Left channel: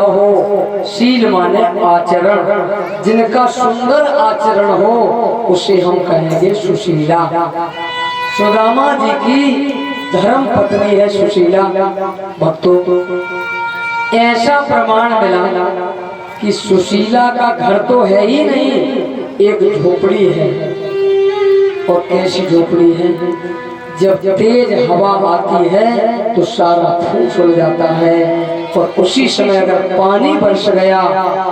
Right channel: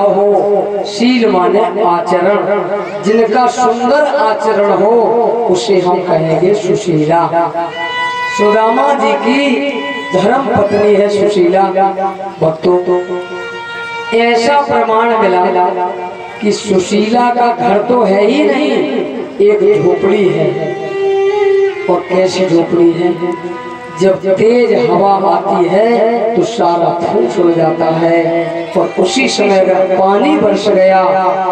हो। शील माने आचरण, जिनका सुंदर आचरण हो उसे हम कहेंगे सुशीला। सुदामा जी की धर्म पत्नी है सुशीला। भक्तों, ऐसा प्रमाण मिला कि सुशीला का घर तो है ही नहीं, एक झोपड़ी है। और कैसी झोपड़ी है? जब तेज हवा आती है तो सारा फूस हो जाता है, और उसी समय अगर पानी बरस गया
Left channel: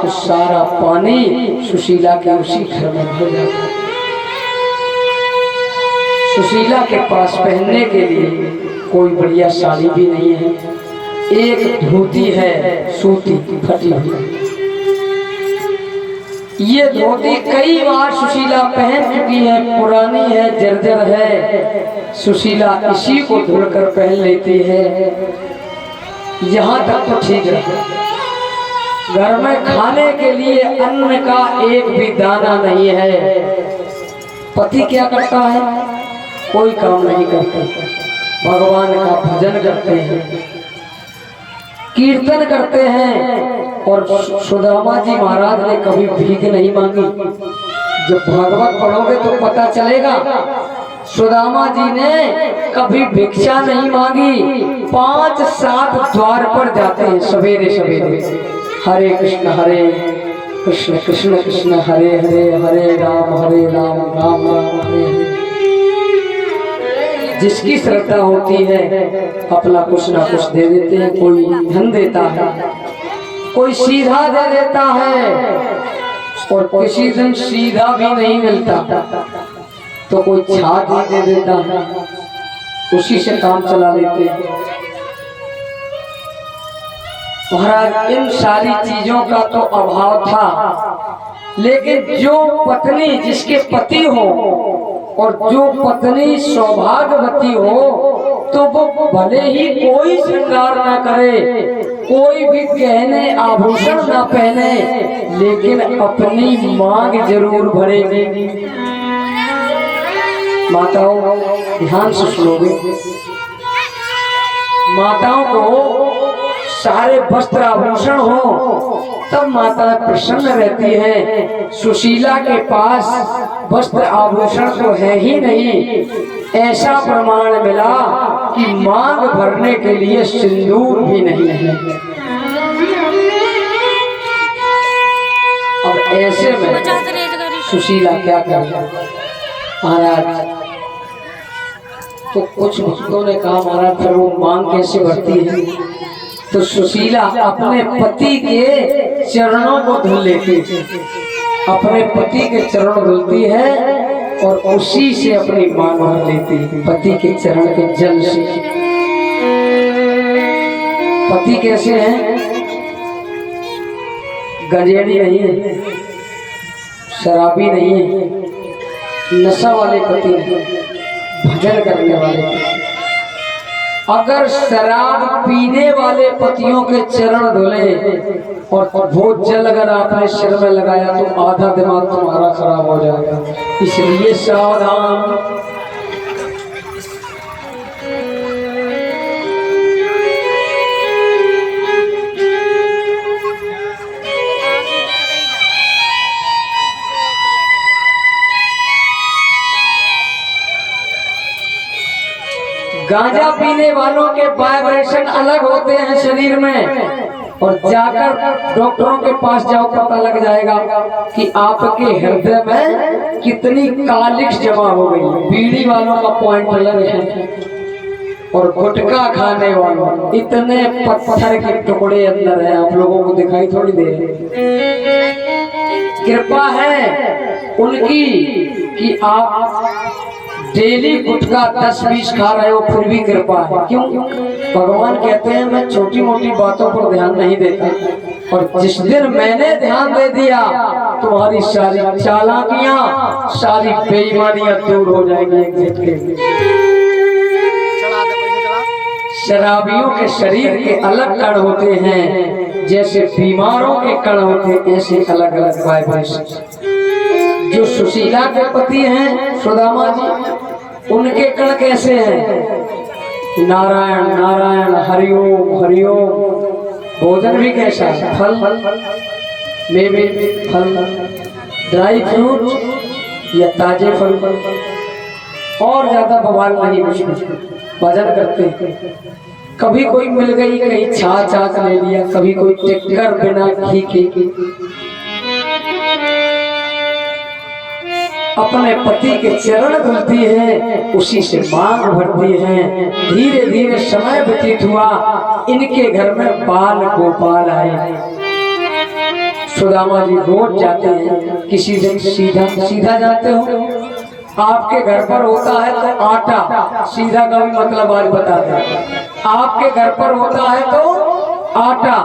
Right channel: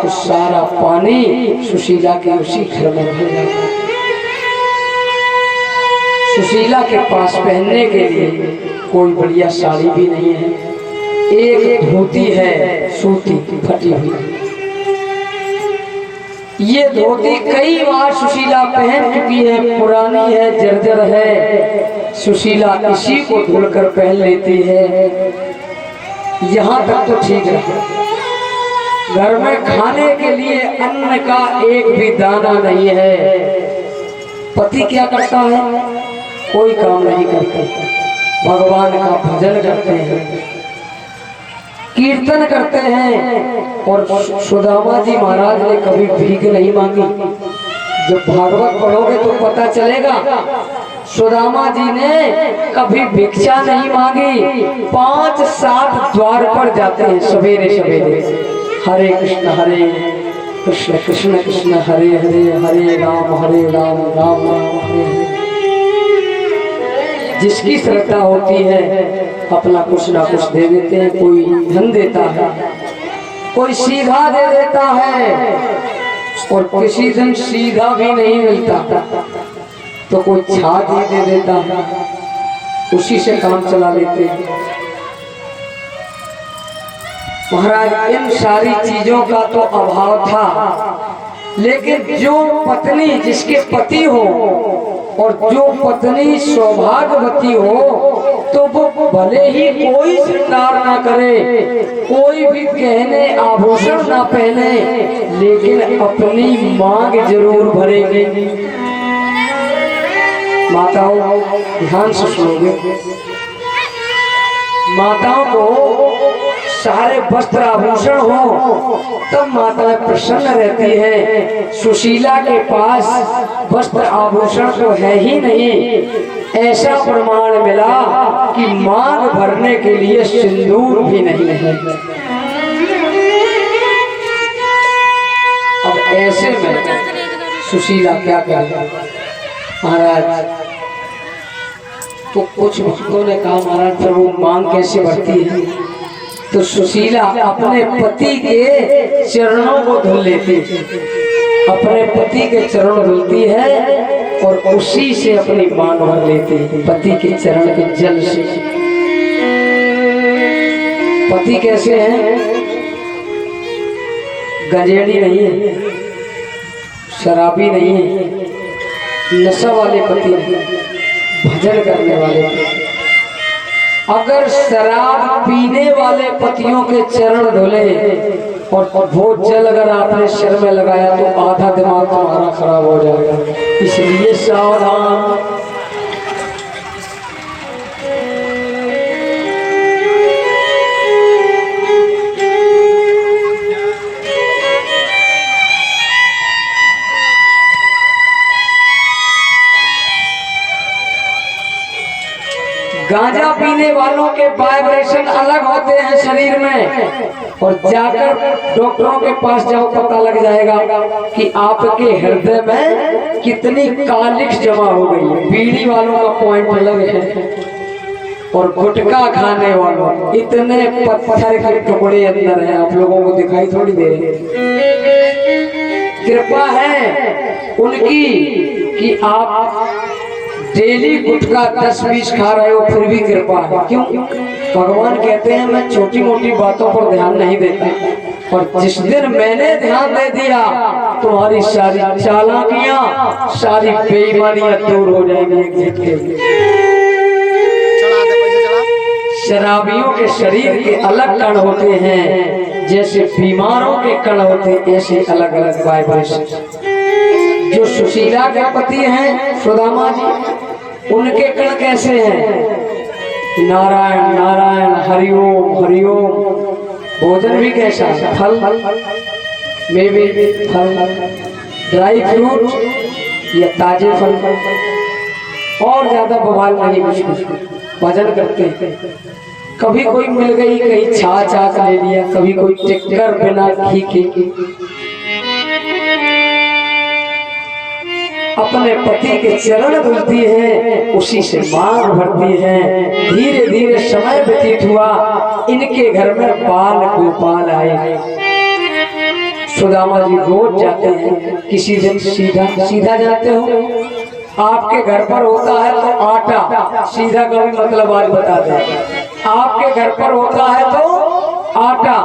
तो सारा पानी सुशीला के उसी घर में भर जाता है। सुशीला के पास पहनने के लिए कोई बढ़िया साड़ी भी नहीं है, एक धोती है सूती फटी हुई। ये धोती कई बार सुशीला पहन चुकी है, पुरानी है, जर्जर है। सुशीला इसी को धुलकर पहन लेती है। यहाँ तक तो ठीक है, घर में खाने के लिए अन्न का एक भी दाना नहीं है। पति क्या करता है? कोई काम नहीं करते, भगवान का भजन करते हैं, कीर्तन करते हैं। और सुदामा जी महाराज ने कभी भीख नहीं मांगी। जब भागवत पढ़ोगे तो पता चलेगा, सुदामा जी ने कभी भिक्षा नहीं मांगी। 5-7 द्वार पर जाते हैं सवेरे सवेरे, हरे कृष्ण कृष्ण कृष्ण हरे हरे, हरे राम राम राम हरे हरे। जिसकी श्रद्धा होती है अपना कुछ ना कुछ दे देते हैं। कोई धन देता है, कोई सीधा दे देता है, और किसी दिन सीधा भी नहीं मिलता तो कोई छाती दे देता है, उसी से काम चला लेते हैं। महाराज, इन सारी चीजों का तो अभाव था, लेकिन जो पत्नी जिसके पति हो और जो पत्नी सौभाग्यवती हो तो वो भले ही कोई श्रृंगार ना करे, कोई भी गहने आभूषण ना पहने, लेकिन अपनी मांग जरूर भरेगी। माताओं, ध्यान से सुनोगे, माताओं को सारे वस्त्र आभूषण हो तब माता प्रसन्न रहती है। सुशीला के पास वस्त्र आभूषण तो है ही नहीं। ऐसा प्रमाण मिला कि मांग भरने के लिए सिंदूर भी नहीं है। अब ऐसे में सुशीला क्या करे? महाराज, तो कुछ भक्तों ने कहा, महाराज फिर वो मांग कैसे भरती है? तो सुशीला अपने पति के चरणों को धुल लेती है, अपने पति के चरण धुलती है और उसी से अपनी मांग भर लेती है, पति के चरण के जल से। पति कैसे हैं? गंजेड़ी नहीं है, शराबी नहीं है, नशा वाले पति नहीं, भजन करने वाले पति। अगर शराब पीने वाले पतियों के चरण धुले और वो जल अगर आपने सिर में लगाया तो आधा दिमाग तुम्हारा खराब हो जाएगा, इसलिए सावधान। गांजा पीने वालों के वाइब्रेशन अलग होते हैं शरीर में, और जाकर डॉक्टरों के पास जाओ, पता लग जाएगा कि आपके हृदय में कितनी कालिक्स जमा हो गई। बीड़ी वालों का पॉइंट अलग है, और गुटखा खाने वालों इतने पत्थर के टुकड़े अंदर हैं, आप लोगों को दिखाई थोड़ी दे रही। कृपा है उनकी कि आप डेली गुटखा 10-20 खा रहे हो, फिर भी कृपा है। क्यों? भगवान कहते हैं मैं छोटी मोटी बातों पर ध्यान नहीं देता, और जिस दिन मैंने ध्यान दे दिया तुम्हारी सारी चालाकियां, सारी बेईमानियां दूर हो जाएंगी एक झटके में। शराबियों के शरीर के अलग कण होते हैं, जैसे बीमारों के कण होते हैं, ऐसे अलग अलग वाइब्रेशन। जो सुशीला के पति हैं सुदामा जी, उनके कण कैसे हैं? नारायण नारायण हरिओम हरिओम, भोजन भी कैसा है, फल मेवे, फल, ड्राई फ्रूट या ताजे फल, और ज्यादा बवाल नहीं कुछ। भजन करते कभी कोई मिल गई कहीं छाछ ले लिया, कभी कोई टिक्कर बिना घी के। अपने पति के चरण धुलती है, उसी से मांग भरती है। धीरे धीरे समय व्यतीत हुआ, इनके घर में बाल गोपाल आए। सुदामा जी रोज जाते हैं, किसी दिन सीधा जाते हो। आपके घर पर होता है तो आटा, सीधा का भी मतलब आज बता दें। आपके घर पर होता है तो आटा,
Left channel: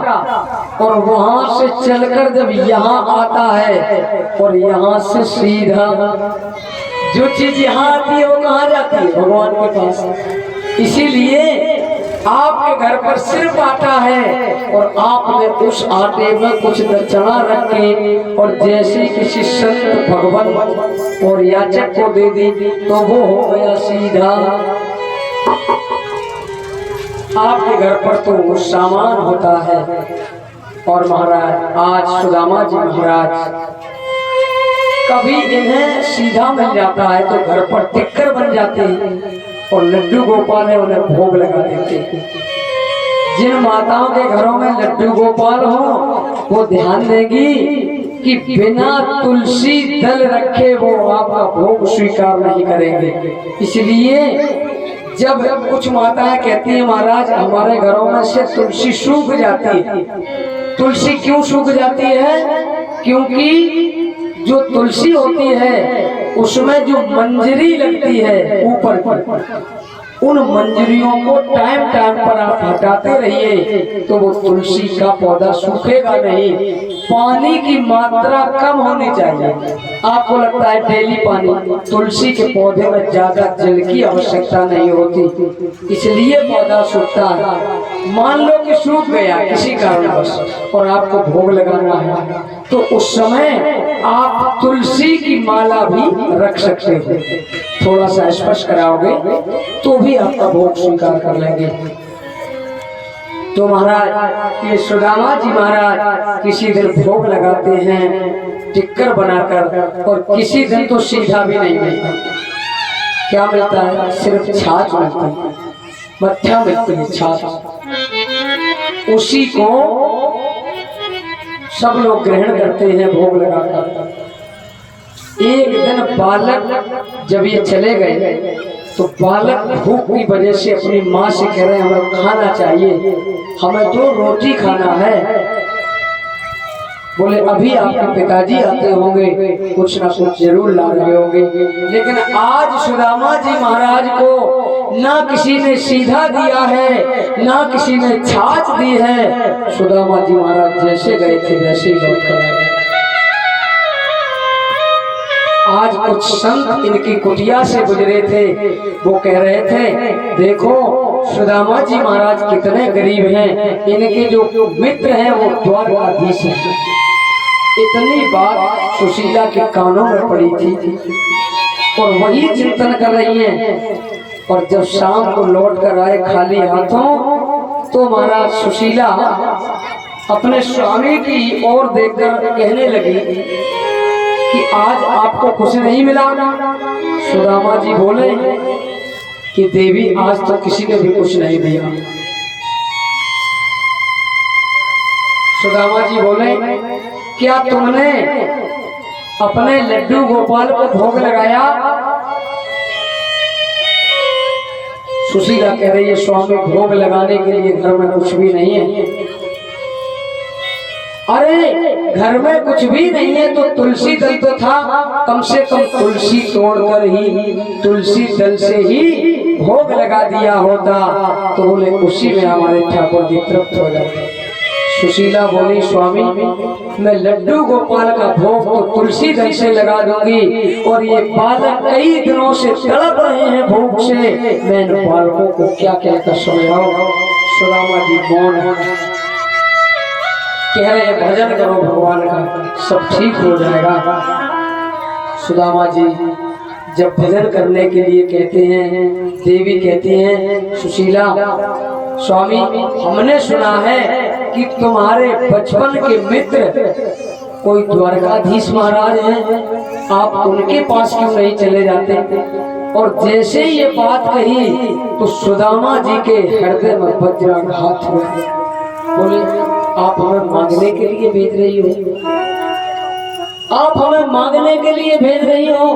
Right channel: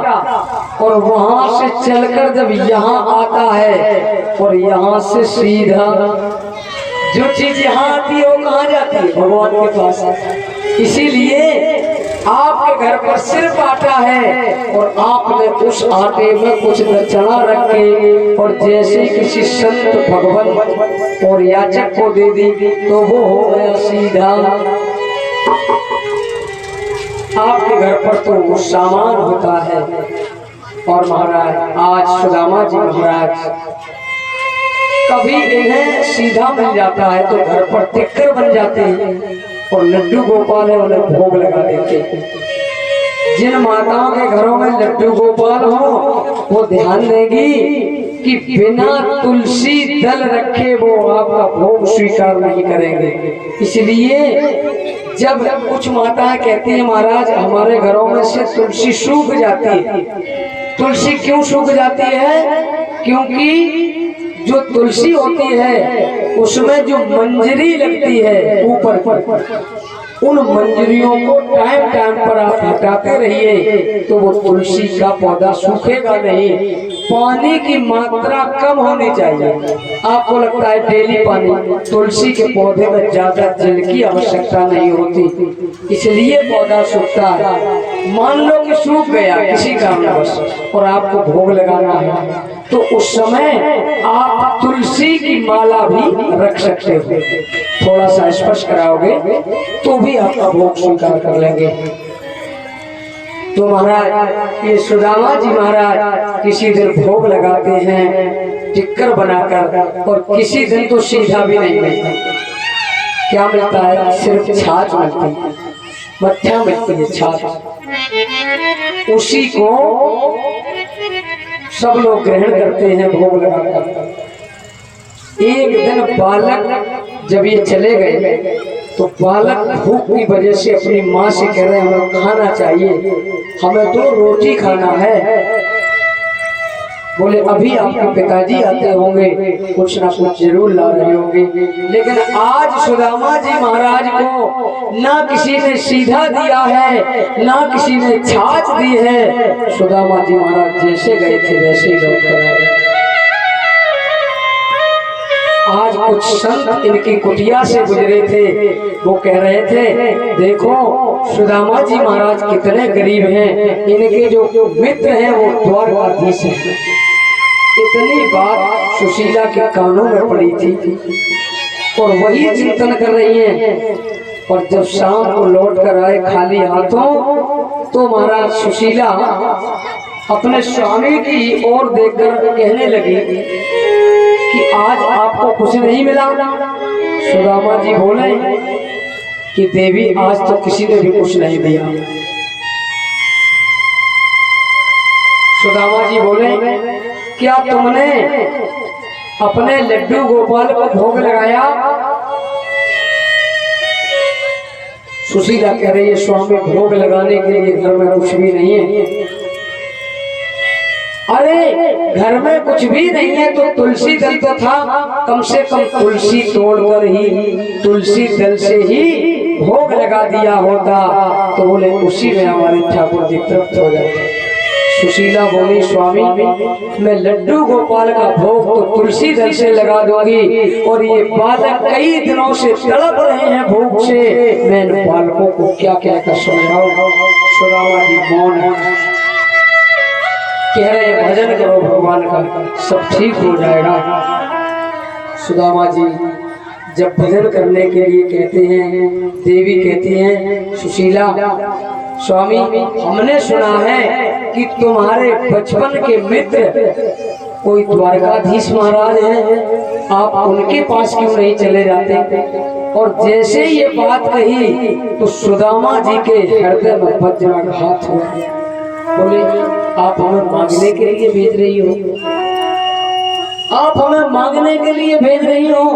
और वहां से चलकर जब यहाँ आता है और यहाँ से सीधा जो चीज यहाँ आती है वो कहाँ जाती है? भगवान के पास। इसीलिए आपके घर पर सिर्फ आटा है और आपने उस आटे में कुछ दक्षिणा रख के और जैसे किसी संत भगवान और याचक को दे दी तो वो हो गया सीधा। आपके घर पर तो वो सामान होता है। और महाराज आज सुदामा जी महाराज कभी इन्हें सीधा मिल जाता है तो घर पर टिक्कर बन जाते हैं और लड्डू गोपाल है उन्हें भोग लगा देते हैं। जिन माताओं के घरों में लड्डू गोपाल हो वो ध्यान देगी कि बिना तुलसी दल रखे वो आपका भोग स्वीकार नहीं करेंगे। इसलिए जब कुछ माताएं कहती हैं महाराज हमारे घरों में से तुलसी सूख जाती है। तुलसी क्यों सूख जाती है? क्योंकि जो तुलसी होती है उसमें जो मंजरी लगती है ऊपर की, उन मंजरियों को टाइम पर आप हटाते रहिए तो वो तुलसी का पौधा सूखेगा नहीं। पानी की मात्रा कम होनी चाहिए। आपको लगता है डेली पानी, तुलसी के पौधे में ज्यादा जल की आवश्यकता नहीं होती, इसलिए पौधा सूखता है। मान लो कि सूख गया किसी कारणवश और आपको भोग लगाना है तो उस समय आप तुलसी की माला भी रख सकते हो। थोड़ा सा स्पर्श कराओगे तो भी आपका भोग स्वीकार कर लेंगे। तो महाराज ये सुदामा जी महाराज किसी दिन भोग लगाते हैं टिक्कर बनाकर, और किसी दिन तो सीधा भी नहीं मिलता। क्या मिलता है? सिर्फ छाछ मिलती है, मट्ठा मिलती है छाछ। उसी को सब लोग ग्रहण करते हैं भोग लगाकर। एक दिन बालक जब ये चले गए तो बालक भूख की वजह से अपनी माँ से कह रहे हैं हमें खाना चाहिए, हमें तो रोटी खाना है। बोले अभी आपके पिताजी आते होंगे, कुछ ना कुछ जरूर ला रहे होंगे। लेकिन आज सुदामा जी महाराज को ना किसी ने सीधा दिया है ना किसी ने छाछ दी है। सुदामा जी महाराज जैसे गए थे वैसे ही लौट कर आए। आज कुछ संत इनकी कुटिया से गुजरे थे, वो कह रहे थे देखो सुदामा जी महाराज कितने गरीब हैं, इनके जो मित्र हैं वो द्वारकाधीश हैं। इतनी बात सुशीला के कानों में पड़ी थी और वही चिंतन कर रही हैं। और जब शाम को लौट कर आए खाली हाथों तो महाराज सुशीला अपने स्वामी की ओर देखकर कहने लगी कि आज आपको कुछ नहीं मिला। सुदामा जी बोले कि देवी आज तो किसी ने भी कुछ नहीं दिया। सुदामा जी बोले क्या तुमने अपने लड्डू गोपाल को भोग लगाया? सुशीला कह रही है स्वामी भोग लगाने के लिए घर में कुछ भी नहीं है। अरे घर में कुछ भी नहीं है तो तुलसी दल तो था, कम से कम तुलसी तोड़कर ही तुलसी दल से ही भोग लगा दिया होता तो बोले उसी में हमारे ठाकुर जी तृप्त हो जाते। सुशीला बोली स्वामी मैं लड्डू गोपाल का भोग तो तुलसी दल से लगा दूंगी और ये बालक कई दिनों से तड़प रहे हैं भूख से, मैं इन बालकों को क्या कहकर समझाऊं। सुदामा जी मौन है, कह रहे भजन करो भगवान का सब ठीक हो जाएगा। सुदामा जी जब भजन करने के लिए कहते हैं, देवी कहती हैं सुशीला स्वामी हमने सुना है कि तुम्हारे बचपन के मित्र कोई द्वारकाधीश महाराज हैं, आप उनके पास क्यों नहीं चले जाते? और जैसे ये बात कही तो सुदामा जी के हृदय में वज्राघात हुआ। बोले आप हमें मांगने के लिए भेज रही हो? आप हमें मांगने के लिए भेज रही हो?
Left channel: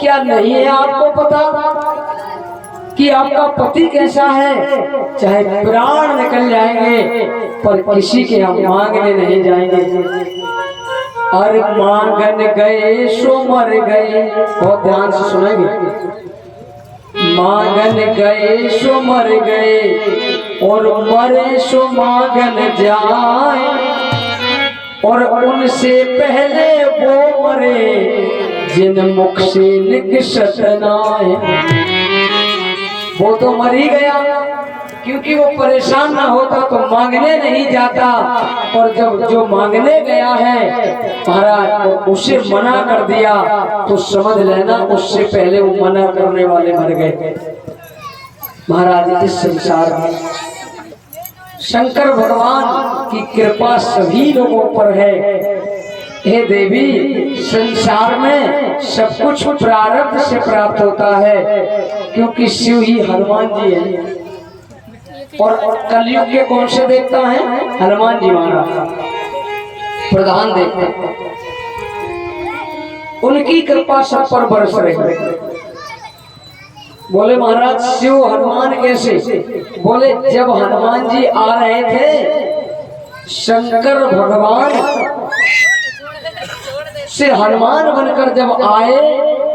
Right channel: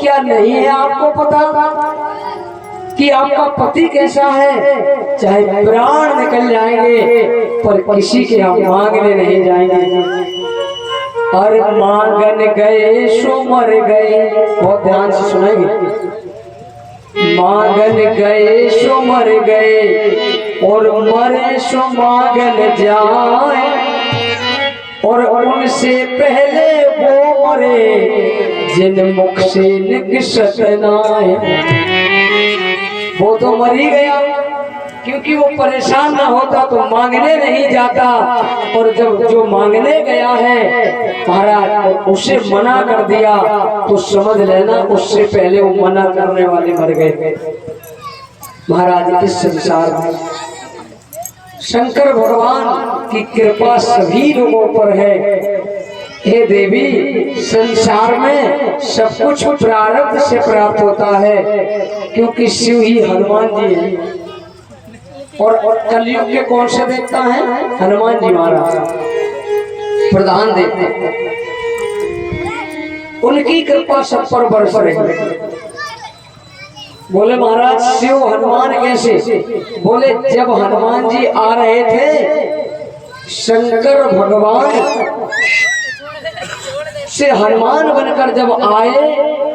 क्या नहीं है आपको पता कि आपका पति कैसा है? चाहे प्राण निकल जाएंगे पर किसी के हम मांगने नहीं जाएंगे। और मांगन गए सो मर गए, बहुत ध्यान से सुनेंगे। मांगन गए सो मर गए और मरे सो मांगन जाए, और उनसे पहले वो मरे जिन मुख से निकसत नाए। वो तो मर ही गया क्योंकि वो परेशान ना होता तो मांगने नहीं जाता, और जब जो मांगने गया है महाराज उसे मना कर दिया तो समझ लेना उससे पहले वो मना करने वाले मर गए। महाराज इस संसार में शंकर भगवान की कृपा सभी लोगों पर है। हे देवी, संसार में सब कुछ प्रारब्ध से प्राप्त होता है क्योंकि शिव ही हनुमान जी हैं। और कलयुग के कौन से देवता हैं? हनुमान जी महाराज प्रधान देवता। उनकी कृपा सब पर बरस रही। बोले महाराज शिव हनुमान कैसे? बोले जब हनुमान जी आ रहे थे शंकर भगवान से हनुमान बनकर जब आए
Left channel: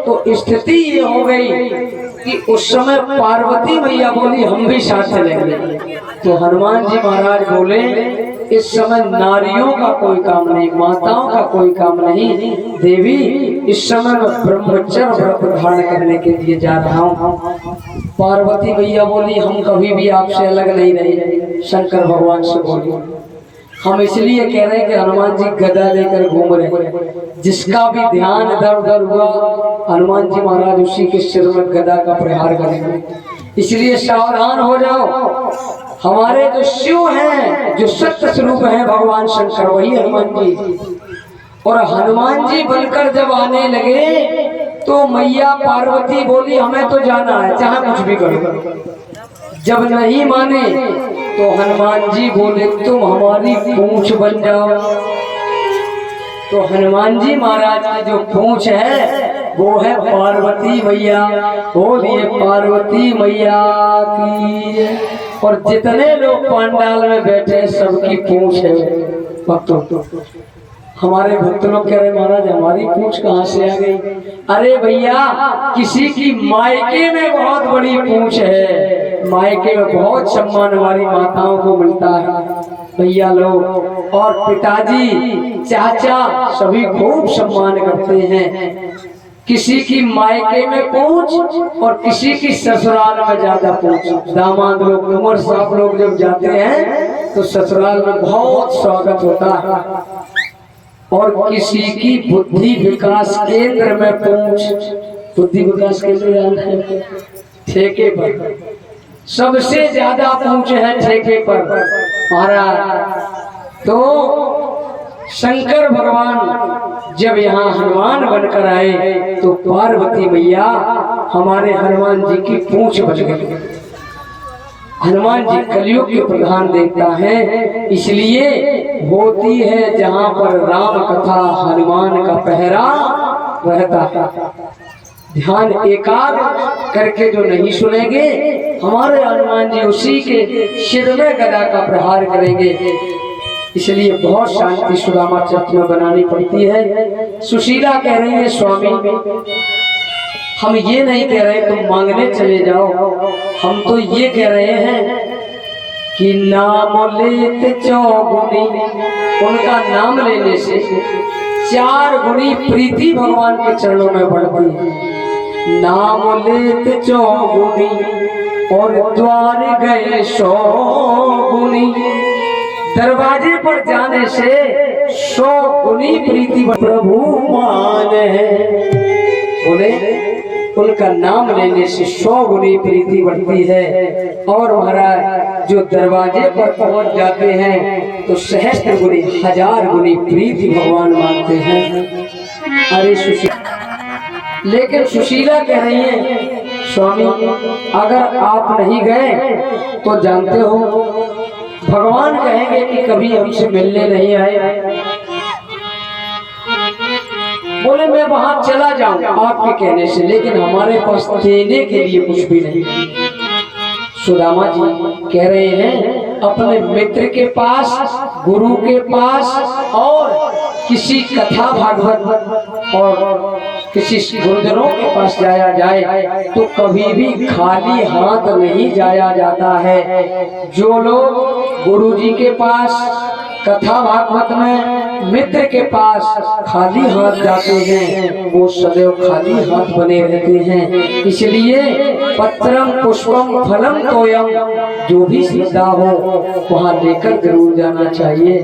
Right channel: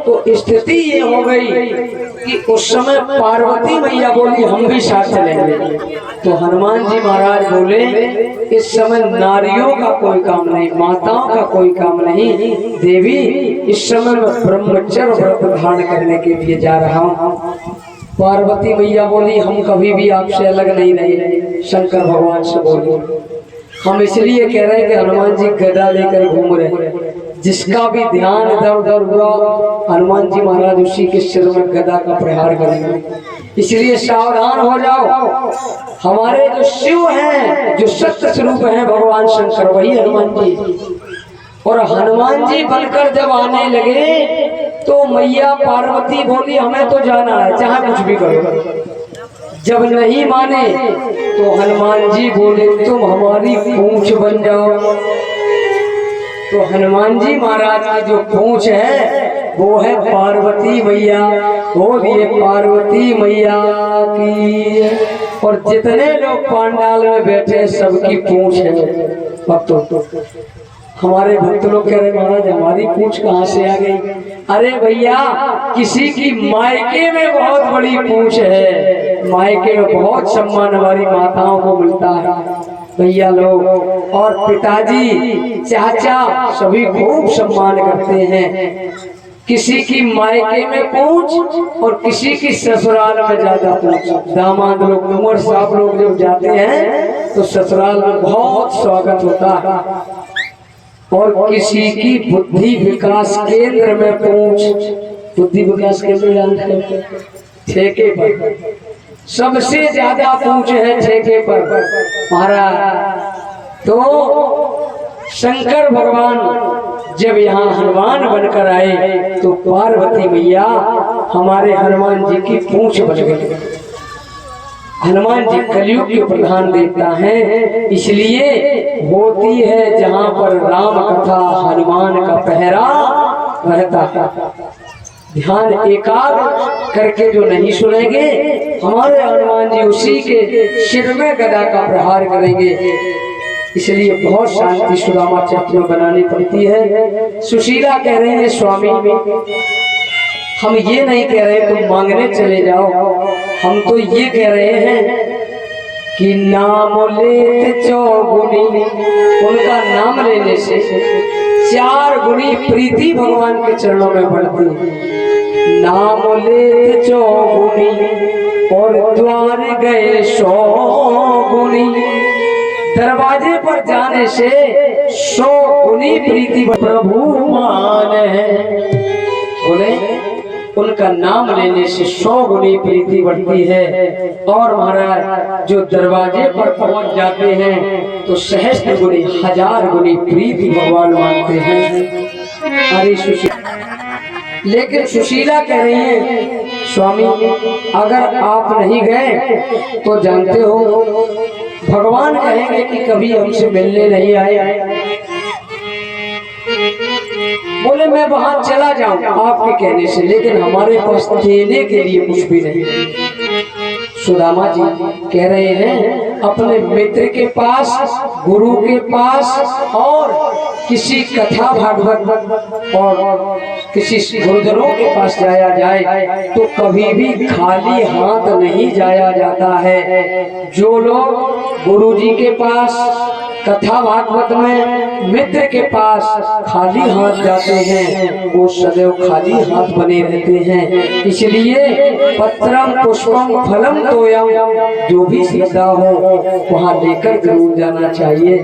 तो स्थिति ये हो गई कि उस समय पार्वती मैया बोली हम भी साथ चलेंगे। तो हनुमान जी महाराज बोले इस समय नारियों का कोई काम नहीं, माताओं का कोई काम नहीं देवी, इस समय मैं ब्रह्मचर्य व्रत धारण करने के लिए जा रहा हूँ। पार्वती मैया बोली हम कभी भी आपसे अलग नहीं रहे। शंकर भगवान से बोली हम इसलिए कह रहे हैं कि हनुमान जी गदा लेकर घूम रहे, जिसका भी ध्यान इधर उधर हुआ हनुमान जी महाराज उसी के सिर में गदा का प्रहार करेंगे। इसलिए सावधान हो जाओ। हमारे जो शिव हैं, जो सत्य स्वरूप हैं भगवान शंकर, वही हनुमान जी। और हनुमान जी बनकर जब आने लगे तो मैया पार्वती बोली हमें तो जाना है, चाहे कुछ भी करो। जब नहीं माने तो हनुमान जी बोले तुम हमारी पूंछ बन जाओ। तो हनुमान जी महाराज की जो पूंछ है वो है पार्वती मैया। बोलिए पार्वती मैया की। और जितने लोग पंडाल में बैठे सबकी पूंछ है भक्तों। हमारे भक्त लोग कह रहे महाराज हमारी पूंछ कहाँ से आ गई? अरे भैया किसी की मायके में बहुत बड़ी पूंछ है, मायके में बहुत सम्मान हमारी माताओं को मिलता है भैया लोग। और पिताजी चाचा सभी खूब सम्मान करते हैं। किसी की मायके में पूंछ और किसी की ससुराल में ज्यादा पूंछ। दामाद लोग उमर साहब लोग जब जाते हैं तो ससुराल में बहुत स्वागत होता है। और किसी की बुद्धि विकास केंद्र में पूंछ। बुद्धि विकास केंद्र ठेके पर सबसे ज्यादा पूंछ है, ठेके पर महाराज। तो शंकर भगवान जब यहाँ हनुमान बनकर आए तो पार्वती मैया हमारे हनुमान जी की पूंछ बन गई। हनुमान जी कलयुग के प्रधान देवता हैं, इसलिए होती है जहाँ पर राम कथा हनुमान का पहरा रहता है। ध्यान एकाग्र करके जो नहीं सुनेंगे हमारे हनुमान जी उसी के सिर में गदा का प्रहार करेंगे। इसलिए बहुत शांति सुदामा चरित्र में बनानी पड़ती है। सुशीला कह रही है स्वामी हम ये नहीं कह रहे तुम मांगने चले जाओ, हम तो ये कह रहे हैं कि नाम लेत चौगुनी, उनका नाम लेने से 4 गुनी प्रीति भगवान के चरणों में बढ़ती है। नाम लेत चौगुनी और द्वार गए 100 गुनी, दरवाजे पर जाने से 100 गुनी प्रीति प्रभु मान है। बोले उनका नाम लेने से 100 गुनी प्रीति बढ़ती है। और महाराज जो दरवाजे पर पहुंच जाते हैं तो सहस्त्र गुनी 1000 गुनी प्रीति भगवान मानते हैं। अरे सुशीला, लेकिन सुशीला कह रही है स्वामी अगर आप नहीं गए तो जानते हो भगवान कहेंगे कि कभी हमसे मिलने नहीं आए। बोले मैं वहां चला जाऊं आपके कहने से, लेकिन हमारे पास देने के लिए कुछ भी नहीं। सुदामा जी कह रहे हैं अपने मित्र के पास, गुरु के पास और किसी कथा भागवत और किसी गुरुजनों के पास जाया जाए तो कभी भी खाली हाथ नहीं जाया जाता है। जो लोग गुरु जी के पास, कथा भागवत में मित्र के पास खाली हाथ जाते हैं वो सदैव खाली हाथ बने रहते हैं। इसलिए पत्रम पुष्पम फलम तोयम, जो भी श्रद्धा हो वहाँ लेकर जरूर जाना चाहिए।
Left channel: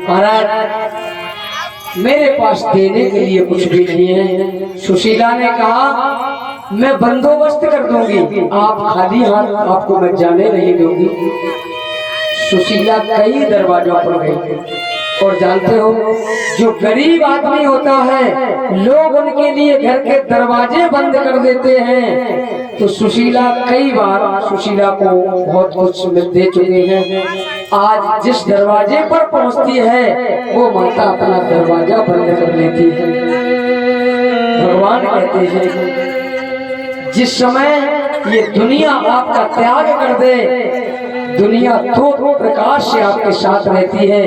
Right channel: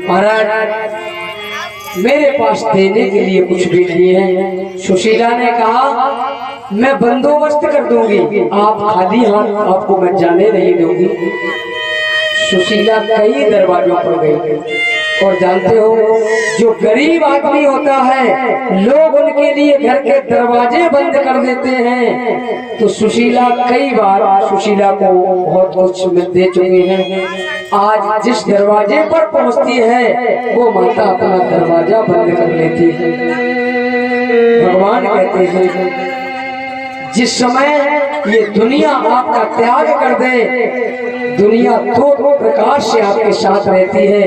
महाराज मेरे पास देने के लिए कुछ भी नहीं है। सुशीला ने कहा मैं बंदोबस्त कर दूंगी, आप खाली हाथ आपको मैं जाने नहीं दूंगी। सुशीला कई दरवाजों पर गई और जानते हो जो गरीब आदमी होता है लोग उनके लिए घर के दरवाजे बंद कर देते हैं। तो सुशीला कई बार सुशीला को बहुत कुछ दे चुके हैं। आज जिस दरवाजे पर पहुंचती है वो माता अपना दरवाजा बंद कर लेती है। भगवान कहते हैं जिस समय ये दुनिया आपका त्याग कर दे, दुनिया दो प्रकार से आपके साथ रहती है।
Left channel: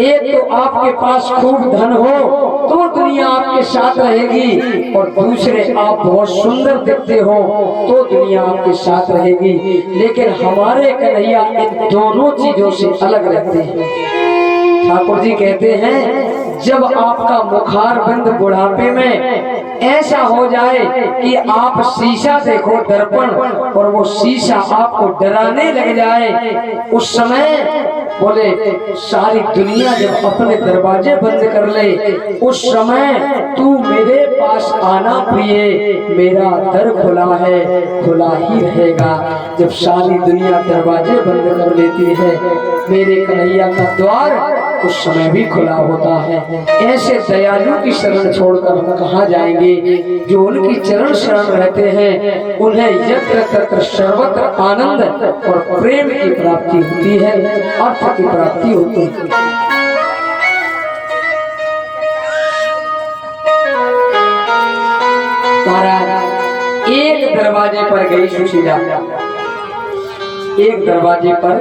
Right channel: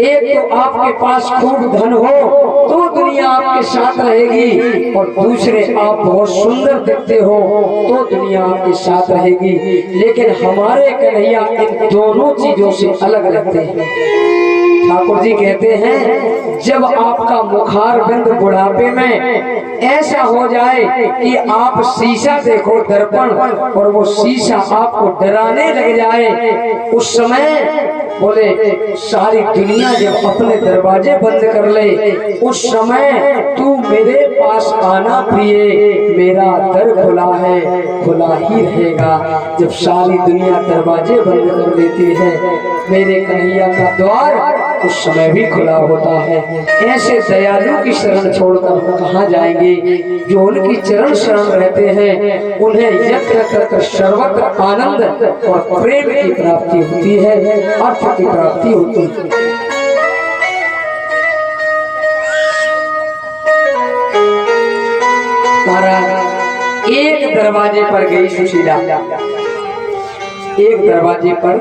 एक तो आपके पास खूब धन हो तो दुनिया आपके साथ रहेगी, और दूसरे आप बहुत सुंदर दिखते हो तो दुनिया आपके साथ रहेगी। लेकिन हमारे कन्हैया इन दोनों चीजों से अलग रहते हैं। ठाकुर जी कहते हैं जब आपका मुखार बिंद बुढ़ापे में ऐसा हो जाए कि आप शीशा देखो दर्पण और वो शीशा आपको डराने लग जाए, उस समय बोले सारी दुनिया जब अपने दरवाजे बंद कर ले, उस समय तू मेरे पास आना प्रिय, मेरा दर खुला है, खुला ही रहेगा। जब सारी दुनिया दरवाजे बंद कर लेती है मेरे कन्हैया का द्वार उस समय भी खुला होता है। ऐसे दयालु की शरण छोड़कर हम कहाँ जाएंगे? जो उनकी चरण शरण रहते हैं उन्हें यत्र तत्र सर्वत्र आनंद और प्रेम की प्राप्ति होती है, अर्थ की प्राप्ति होती है। महाराज एक दरवाजे पर गई सुशीला, एक दरवाजे पर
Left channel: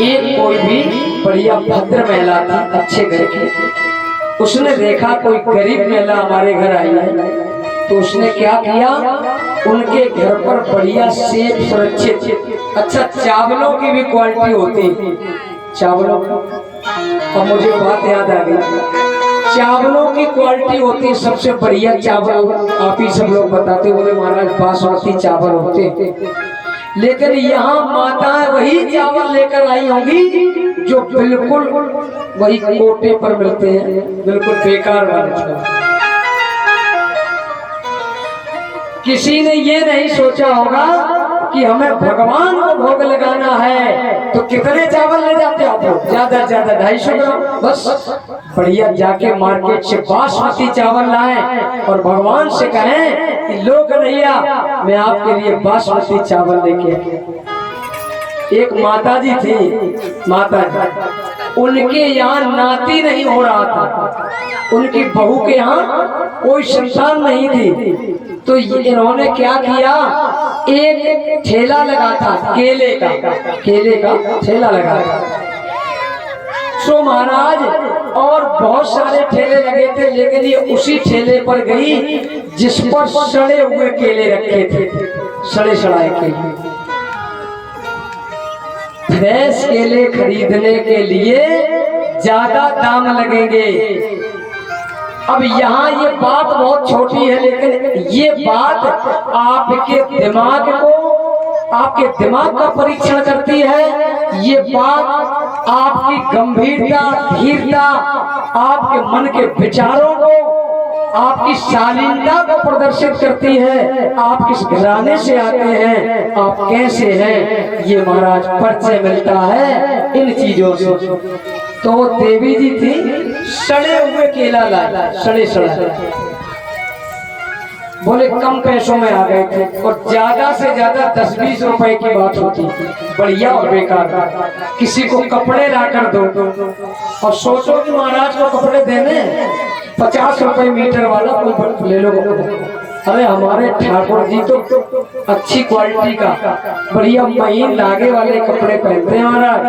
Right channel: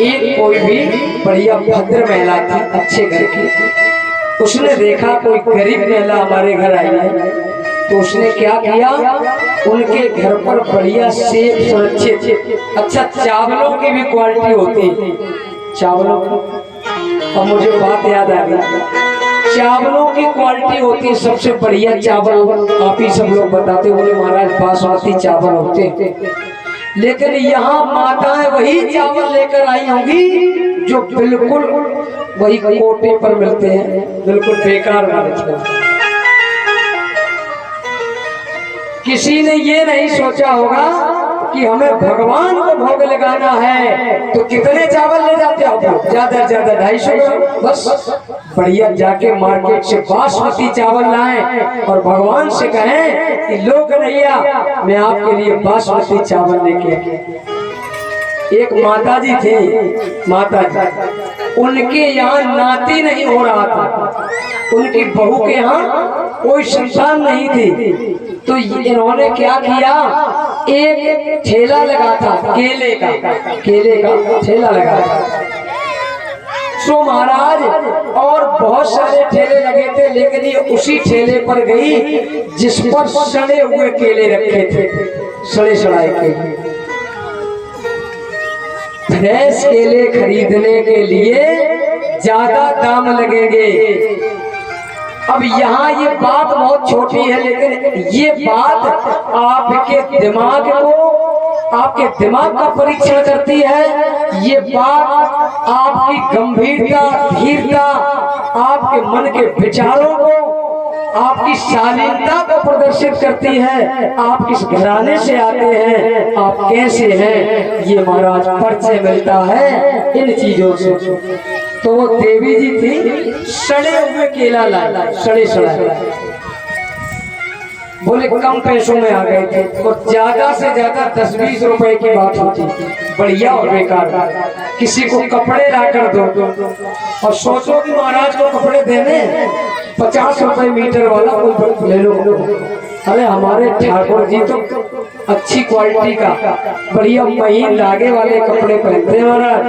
एक कोई भी बढ़िया भद्र महिला थी अच्छे घर की। उसने देखा कोई गरीब महिला हमारे घर आई है तो उसने क्या किया, उनके घर पर बढ़िया सेब सुरक्षित अच्छा चावलों की भी क्वालिटी होती है, चावलों की। और मुझे बात याद आ गई, चावलों की क्वालिटी होती है सबसे बढ़िया चावल। आप ही सब लोग बताते बोले महाराज बासमती चावल होते हैं, लेकिन यहाँ माताएं वही चावल लेकर आई होंगी जो बिल्कुल वही कोटे पर मिलते हैं, बिल्कुल बेकार वाले चावल। किसी ने ये नहीं सोचा होगा कि हमें भगवान को भोग लगाना है तो कितने चावल ले जाते हो? ज्यादा से ज्यादा 250 ग्राम बस। बढ़िया जाके मार्केट से बासमती चावल लाएं और भगवान से कहें कि लो कन्हैया मैं आपके लिए बासमती चावल लेके आया। एक माता जी थी, माता जी उनके यहाँ नाती नहीं हो रहा था, उनकी बहू के यहाँ कोई संतान नहीं थी। तो इन्होंने क्या किया, एक ठेला लगा था केले का ठेला लगा था। सो महाराज और बहुत सारे ठेले लगे थे, लेकिन ये उसी ठेले पर गई जिस पर सड़े हुए केले रखे थे, सड़े सड़ाए केले। फ्रेश केले खरीदने के लिए ज्यादा दाम लगेंगे। अब यहाँ ये बात बहुत छोटी है, लेकिन ये बात आपके दिमाग को, आपके दिमाग का परीक्षण करती है। ये बात आपकी गंभीरता, धीरता, आपके मन के विचारों को आपकी शालीनता को प्रदर्शित करती है। आप किस घराने से आते हैं, आप कैसे हैं, ये महाराज परिचय मिलता है इन चीजों से। तो देवी जी थी, सड़े हुए केला लाए, सड़े बोले कम पैसों में आ गए थे, और ज्यादा से ज्यादा 10-20 रुपए की बात होती, बढ़िया और बेकार। किसी को कपड़े लाकर दो, और सोचो कि महाराज को कपड़े देने 50 रुपए मीटर वाला कोई ले लो। अरे हमारे ठाकुर जी तो अच्छी क्वालिटी का बढ़िया महीन धागे वाले कपड़े पहनते हैं महाराज।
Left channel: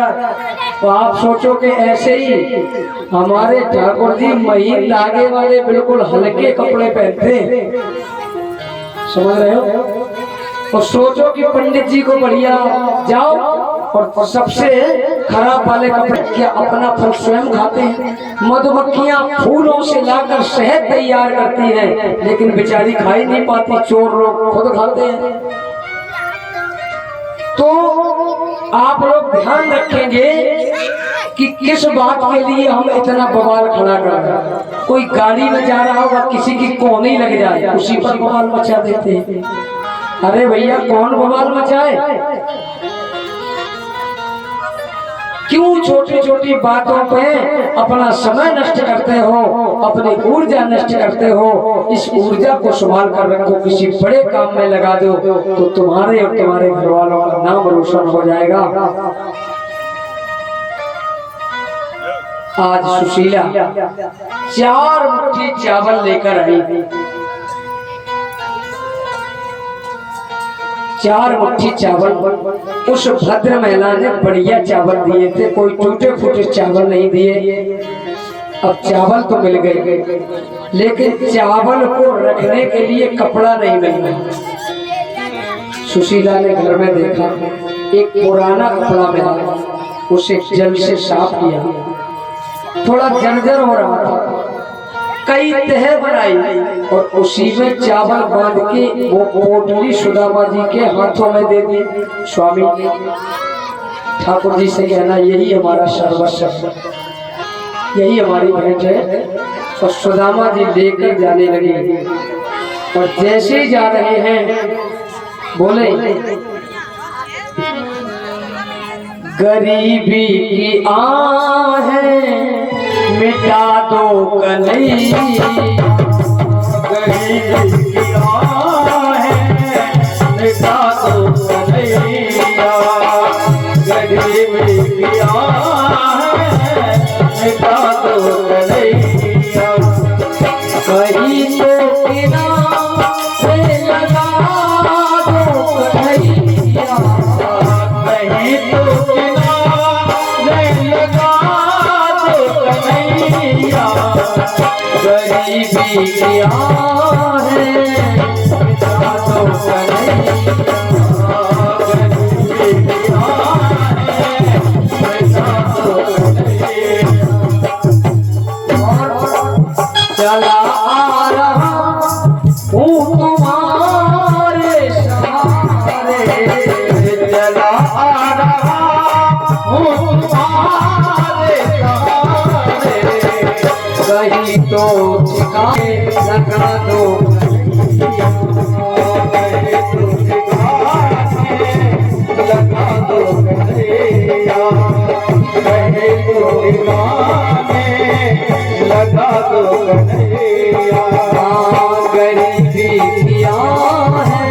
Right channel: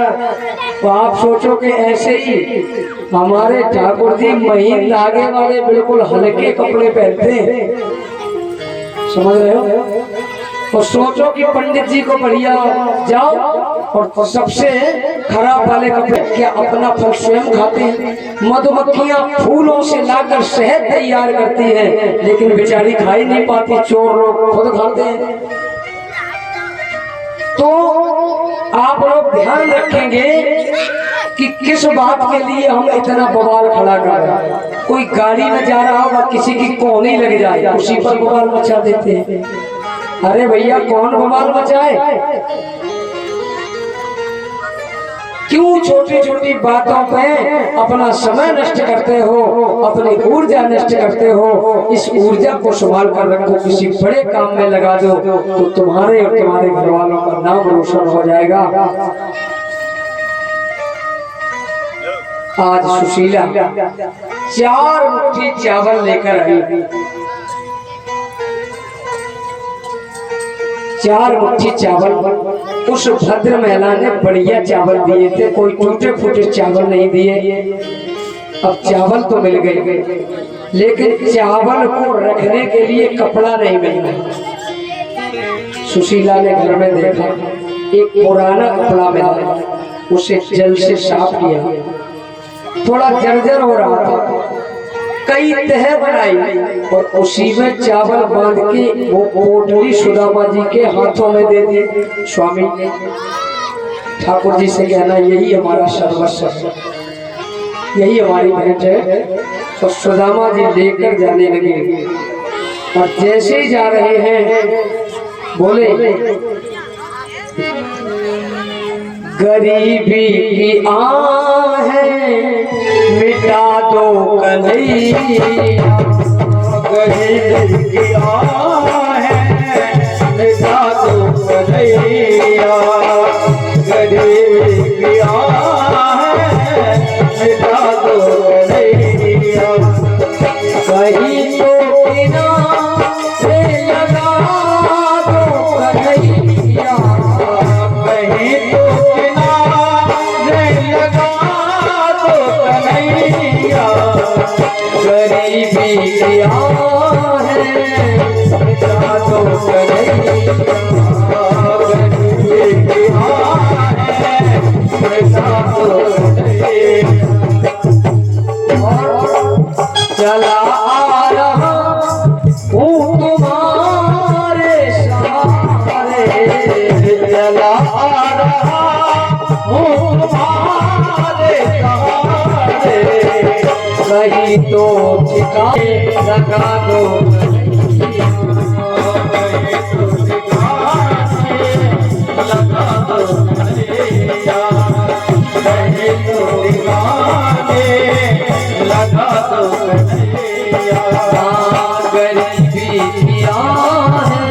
तो आप सोचो कि ऐसे ही हमारे ठाकुर जी महीन धागे वाले बिल्कुल हल्के कपड़े पहनते हैं, समझ रहे हो। और सोचो कि पंडित जी को बढ़िया जाओ और सबसे खराब वाले कपड़े, क्या अपना फल स्वयं खाते हैं। मधुमक्खियां फूलों से लाकर शहद तैयार करती हैं, लेकिन बेचारी खा ही नहीं पाती, चोर लोग खुद खाते हैं। तो आप लोग ध्यान रखेंगे कि किस बात के लिए हम इतना बवाल खड़ा कर रहे हैं। कोई गाड़ी में जा रहा होगा, किसी की कोहनी लग जाए, उसी पर बवाल मचा देते हैं। अरे भैया कौन बवाल मचाए, क्यों छोटी छोटी बातों पे अपना समय नष्ट करते हो, अपनी ऊर्जा नष्ट करते हो। इस ऊर्जा को संभाल कर रखो, किसी बड़े काम में लगा दो तो तुम्हारे और तुम्हारे घर वालों का नाम रोशन हो जाएगा। आज सुशीला 4 मुट्ठी चावल लेकर आई, 4 मुट्ठी चावल उस भद्र महिला ने बढ़िया चावल दिए थे, कोई टूटे फूटे चावल नहीं दिए। अब चावल तो मिल गए, लेकिन चावल को रखने के लिए कपड़ा नहीं मिल रहा। सुशीला ने घर में देखा, एक पुराना कपड़ा मिला, उसे जल से साफ किया, थोड़ा जर्जर हो रहा था, कई तह बनाई और उसी में चावल बांध के वो पोटली सुदामा जी के हाथों में दे दी। स्वामी ठाकुर जी से कहना यही हमारा सर्वस्व, यही हमारी भेंट है। और सुदामा जी लेकर जाने लगे, और जैसे ही जा रहे हैं बोले गरीबी की आहें मिटा दो कन्हैया, गरीबी की आहें मिटा दो कन्हैया, गरीबी की आहें मिटा दो कन्हैया। कहीं तो किनारे लगा दो कन्हैया, कहीं तो गरीबी किया है मिटा दो कन्हैया, गरीबी किया है मिटा दो कन्हैया। चला आ रहा हूँ तुम्हारे सहारे, चला आ रहा हूँ तुम्हारे सहारे, कहीं तो ठिकाने लगा दो कन्हैया, कहीं तो ठिकाने लगा दो कन्हैया, कहीं तो ठिकाने लगा दो कन्हैया। गरीबी किया है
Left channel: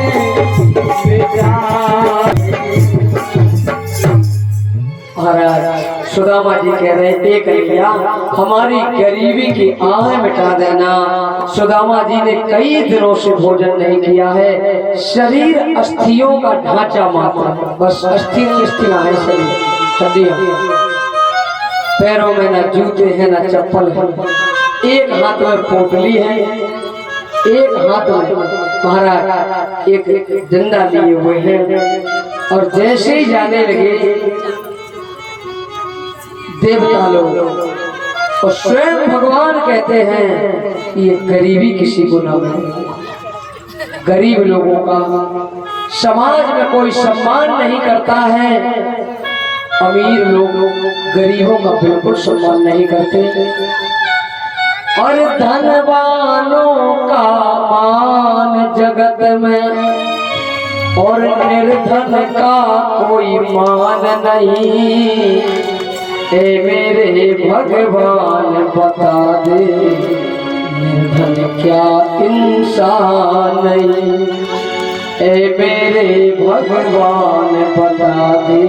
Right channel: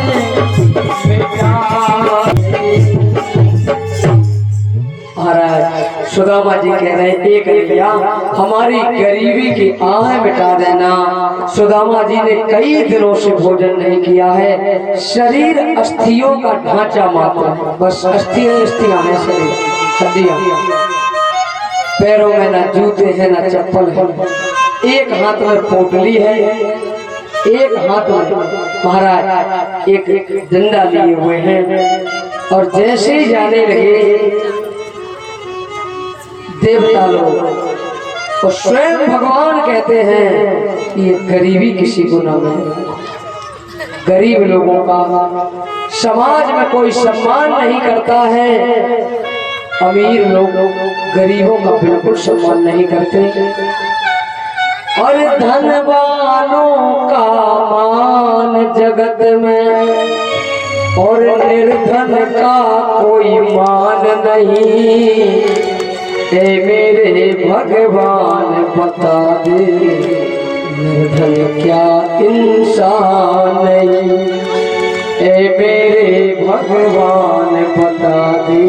महाराज। सुदामा जी कह रहे हैं एक रुपया हमारी गरीबी की आहें मिटा देना। सुदामा जी ने कई दिनों से भोजन नहीं किया है, शरीर अस्थियों का ढांचा मात्र, बस अस्थियां है शरीर, हड्डियां, पैरों में ना जूते हैं ना चप्पल है, एक हाथ में पोटली है, एक हाथ में महाराज एक डंडा लिए हुए हैं। और जैसे ही जाने लगे देवता लोग और स्वयं भगवान कहते हैं ये गरीबी किसी को न मिले। गरीब लोगों का समाज में कोई सम्मान नहीं करता है, अमीर लोग गरीबों का बिल्कुल सम्मान नहीं करते। और धनवानों जगत में और निर्धन का कोई मान नहीं। ए मेरे भगवान बता दे निर्धन क्या इंसान नहीं। ए मेरे भगवान बता दे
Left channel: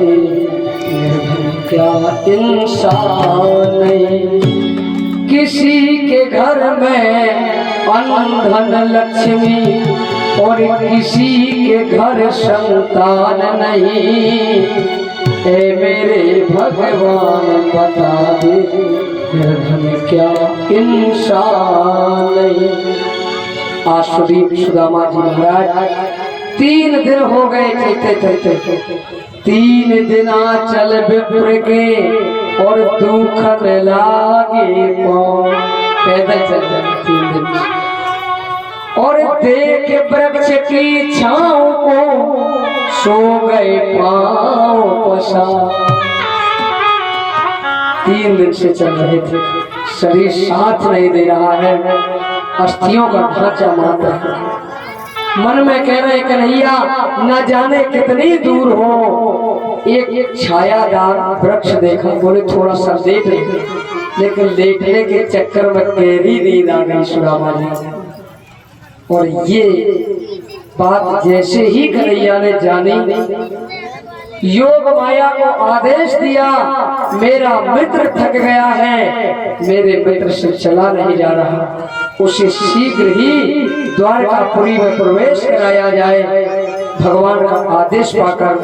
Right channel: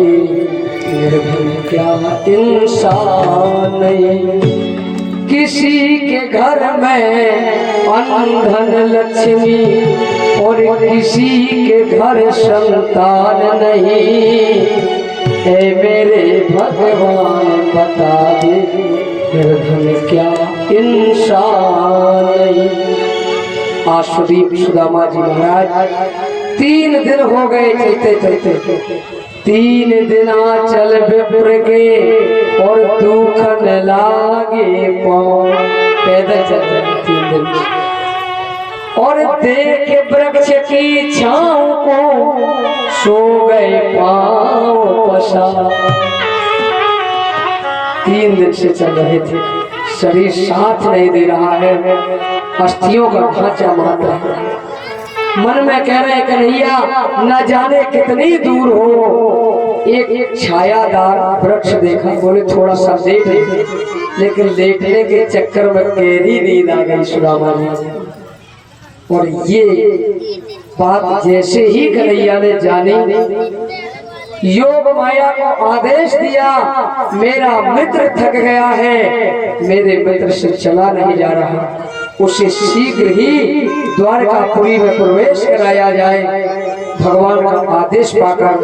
निर्धन क्या इंसान नहीं। किसी के घर में अनधन लक्ष्मी और किसी के घर संतान नहीं। ए मेरे भगवान बता दे निर्धन क्या इंसान नहीं। आशुदीप सुदामा जी महाराज 3 दिन हो गए चलते चलते, 3 दिन चल विप्र के और दुख न लागे पाँव। पैदल चलते 3 दिन और देख वृक्ष की छाँव को सो गए पाँव पसार। 3 दिन से चल रहे थे, शरीर साथ नहीं दे रहा है, अस्थियों का ढांचा मारता है। मन में कह रहे कन्हैया न जाने कितनी दूर हो। एक छायादार वृक्ष देखा, बोले थोड़ा सा देख ले, लेकिन लेटने के चक्कर में गहरी नींद आ गई सुदामा जी। और ये बात जैसे ही कन्हैया ने जानी, योग माया को आदेश दिया, मेरा मित्र थक गया है, मेरे मित्र से चला नहीं जा रहा, उसे शीघ्र ही द्वारकापुरी में प्रवेश कराया जाए। भगवान का आदेश पाकर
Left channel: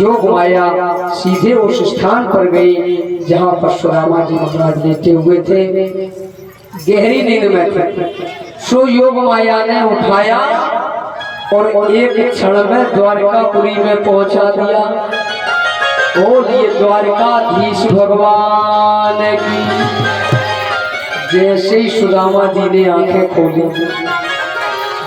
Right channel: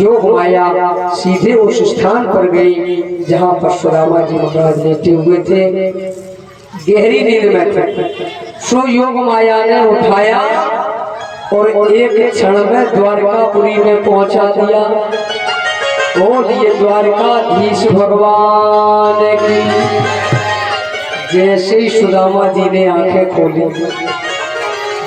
योग माया सीधे उस स्थान पर गई जहाँ पर सुदामा जी महाराज लेटे हुए थे, गहरी नींद में थे। सो योग माया ने उठाया और एक क्षण में द्वारकापुरी में पहुंचा दिया। बोलिए द्वारकाधीश भगवान की। जैसे ही सुदामा जी ने आंखें खोली,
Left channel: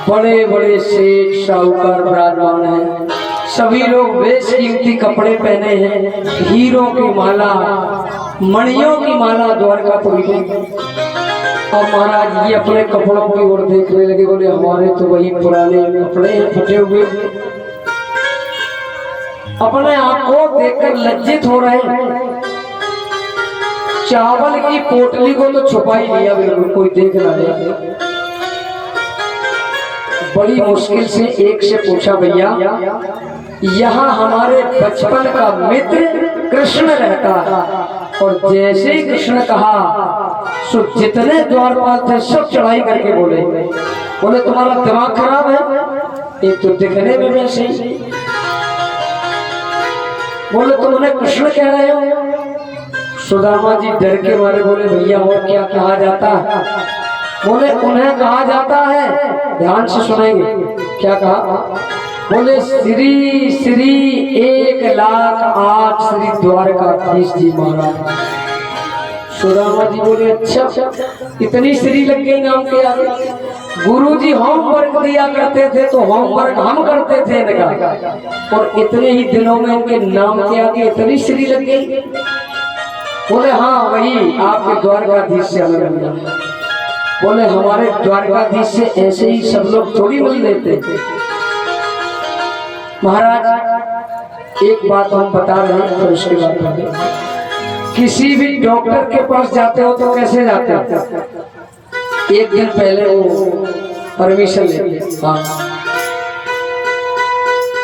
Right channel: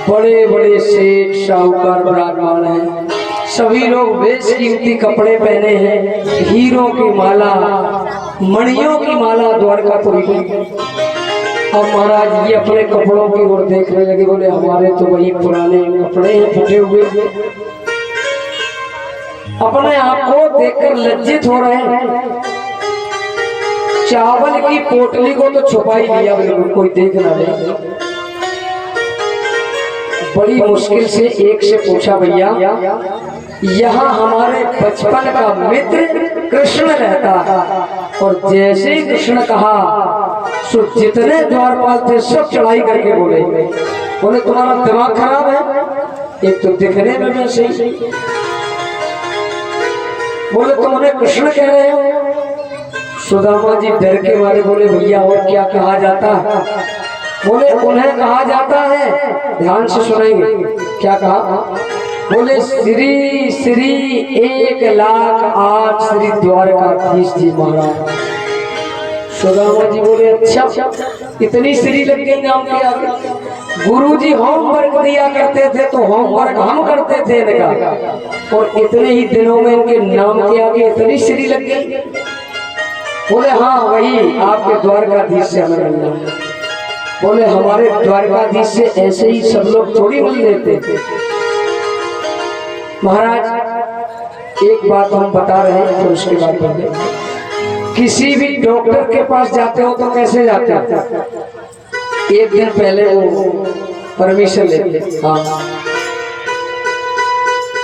बड़े बड़े सेठ साहूकार विराजमान हैं, सभी लोग बेशकीमती कपड़े पहने हैं, हीरों की माला मणियों की माला द्वारकापुरी में। और महाराज ये अपने कपड़ों की ओर देखने लगे, बोले हमारे तो वही पुराने कपड़े हैं फटे हुए। अपने आप को देखकर लज्जित हो रहे हैं। चावल की पोटली को तो छुपा ही लिया, बिल्कुल कोई देख ना ले। बड़ी मुश्किल से एक से पूछा, भैया यहाँ हमारे बचपन का मित्र कृष्ण रहता है। और जैसे ही कृष्ण कहा, सो जितने द्वारपाल थे सब चढ़ाई करके बोले तुम्हारा दिमाग खराब है, एक तो दिखने में वैसे ही, बोले तुम उन्हें कृष्ण कह रहे हो। सुदामा जी डर के मारे बोले भैया और क्या कहा जाता है। बोले उन्हें कहा जाता है, ध्यान से सुनेंगे क्या कहा। बोले श्री श्री 1,08,000 श्री द्वारकाधीश जी महाराज। सुदामा जी बोले अच्छा इतनी श्री लग गई नाम के आगे। गुरुजी होमवर्क दिया करते थे तो होमवर्क हम करते थे इनका, और इतने ही दिनों में इनके नाम के आगे इतनी श्री लग गई। बोले हाँ वही आपके द्वारकाधीश से हमें मिलना है। बोले हमारे द्वारकाधीश से ऐसे ही सब लोग थोड़ी मिल लेते थे। महाराज एक बात हम बता रहे हैं, तो उसके बाद बोले किसी भी डॉक्टर के पास जाते हो तो कैसे जाते हो, एक दिन पहले वो परमिशन लेते। हाँ